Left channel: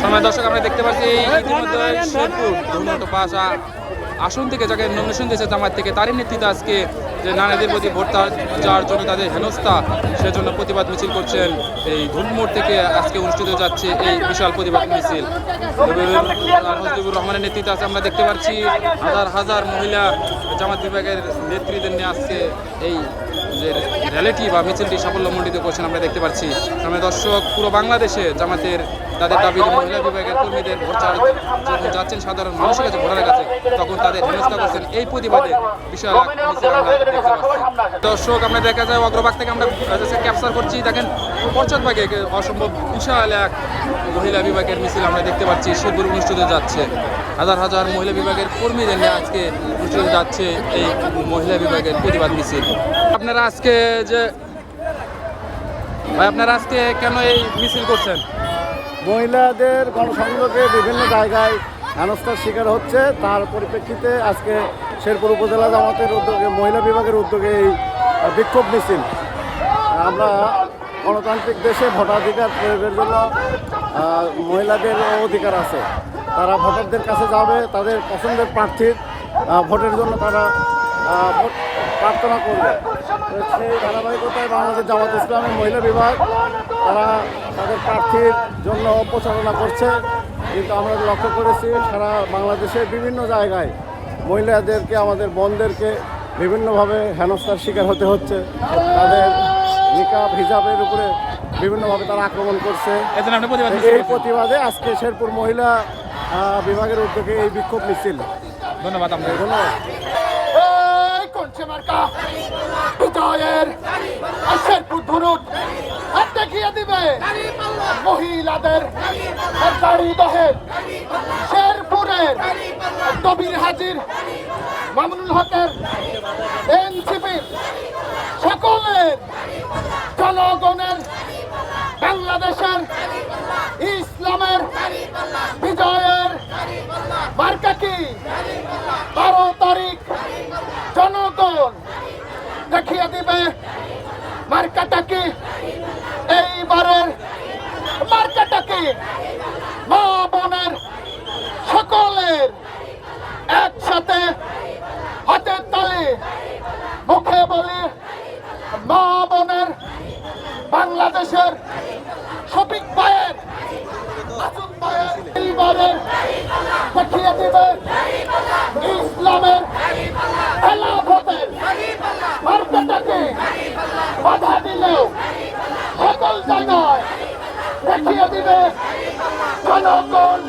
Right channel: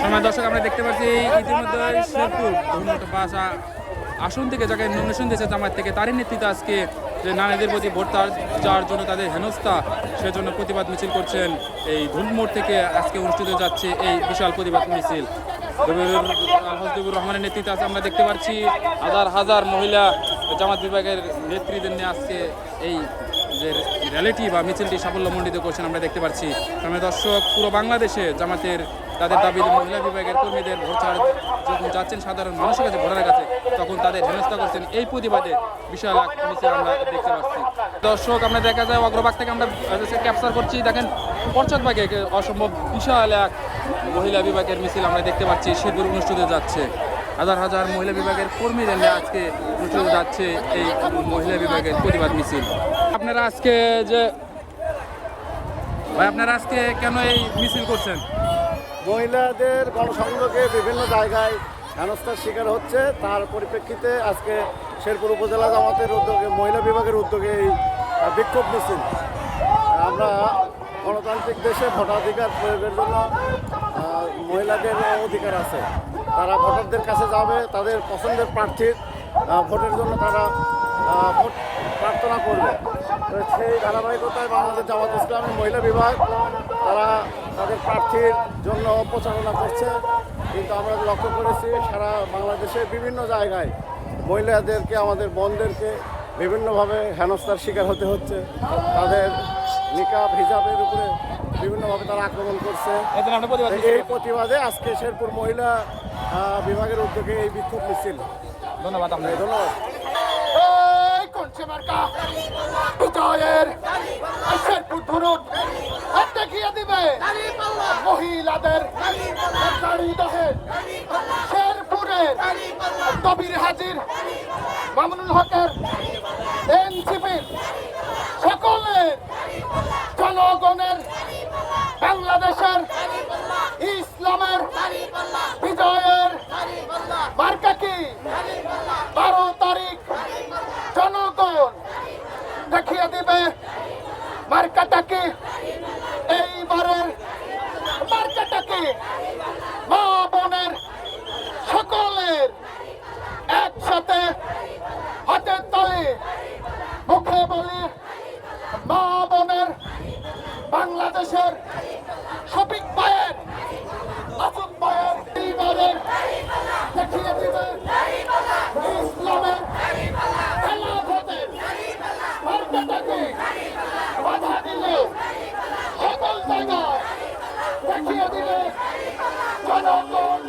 সময় দর্শক আমরা দেখতে পাচ্ছি ইতিমধ্যে শেরপুর ধুনট পাঁচ আসন থেকে যাকে নমিনেশন দিয়েছে জামায়াত থেকে তারই নেতৃত্বে আজকে যে নারীদের প্রতি ভোট যাওয়ার জন্য তাদের হেনস্থা সেজন্য প্রতিবাদ মিছিল করছেন এই ধুনমোড় থেকে আজকে অনুষ্ঠিত যাচ্ছে এই বিশাল প্রতিবাদ মিছিল। হাজদুবুর রহমানের নেতৃত্বে আছে আমরা দেখতে পাচ্ছি হাজার হাজার মহিলা জামাত বিভাগের নেতৃত্বের নিয়ে আজকে এই যে র্যালিটি বা মিছিলটি সাফল্যমণ্ডিত করছেন আমরা দেখতে পাচ্ছি। আমরা দর্শক পুরো বাংলাদেশে জামাতের তাদের দাবি মহিলা বিভাগের কর্মীদের ভোট ছাড় যখন যাচ্ছেন সাধারণ মানুষের কাছে ভোটারের কাছে তখন তাদের হেনস্থা করছেন এই প্রতিবাদে বিশাল এক মিছিল আমরা দেখতে পাচ্ছি। দর্শক আমরা দেখা যায় অগ্রভাগ থেকে আমরা ক্যাপচার করছি, দেখেন পশ্চাৎভাগে অসম্ভব বিশাল এক মহিলা বিভাগের মিছিল আমরা দেখতে পাচ্ছি শেরপুর অনুষ্ঠিত যাচ্ছে। হাজার হাজার মহিলা বিভাগের কর্মীদের নিয়ে আজকে অনুষ্ঠিত যাচ্ছে এই মহিলা বিভাগের প্রতিবাদ মিছিল। আপনারা আজকে যে ভাই আপনারা আজকে কেন এই মিছিল করছেন? মহিলাদের গণসংযোগে বিভিন্ন জায়গায় হেনস্থার শিকার হচ্ছে, তার পরিপ্রেক্ষিতে আজকে শেরপুর উপজেলা জামাতের উদ্যোগে মহিলা বিভাগের উদ্যোগে এই বিক্ষোভ মিছিল। আমরা গণতান্ত্রিক দেশে ভোটাধিকার প্রয়োগের জন্য মহিলাদের অধিকার আছে, তারা ভোটারদের কাছে যাবে, তাদের পছন্দের প্রার্থীর ভোটের জন্য তারা ভোট প্রার্থনা করবে। তো সেই ধারাবাহিকতায় বাংলাদেশ জামাত ইসলামের মহিলা বিভাগ তারা তাদের প্রার্থীর জন্য প্রচারণা করছে, কিন্তু আমরা লক্ষ্য করেছি সারা বাংলাদেশের বিভিন্ন জায়গায় মহিলাদেরকে আমাদের বোনদেরকে বিভিন্নভাবে হেনস্থার শিকার হতে হচ্ছে। তাদের নিকাব হিজাবের উপরে বিভিন্নভাবে তারা আক্রমণ করছে। এই প্রতিবাদে আজকে শেরপুর মহিলা বিভাগের উদ্যোগে এই বিক্ষোভ মিছিল। ধন্যবাদ। দেখিয়ে দিবে মহিলাদের শেরপুরের কবির হাজির মামুনুল হকের এনসিপির সকলের জনগণের বাংলাদেশের ইসলামের বিজয়ের মার্কা কি 12 তারিখ জনগণ দেখিয়ে দিবে মার্কাটা কি। এইবারের মার্কাটা কি মা বোনের সকলের একসাথে হাতের তালে মুখে বলি মা বোনের বাংলাদেশের শফিক ভাইয়ের এইবারের দেখিয়ে দিবে ইসলামের খেলাফতের মার্কাটাকে বাধা দিলে সকল জায়গায় দেখিয়ে দিবে জনগণ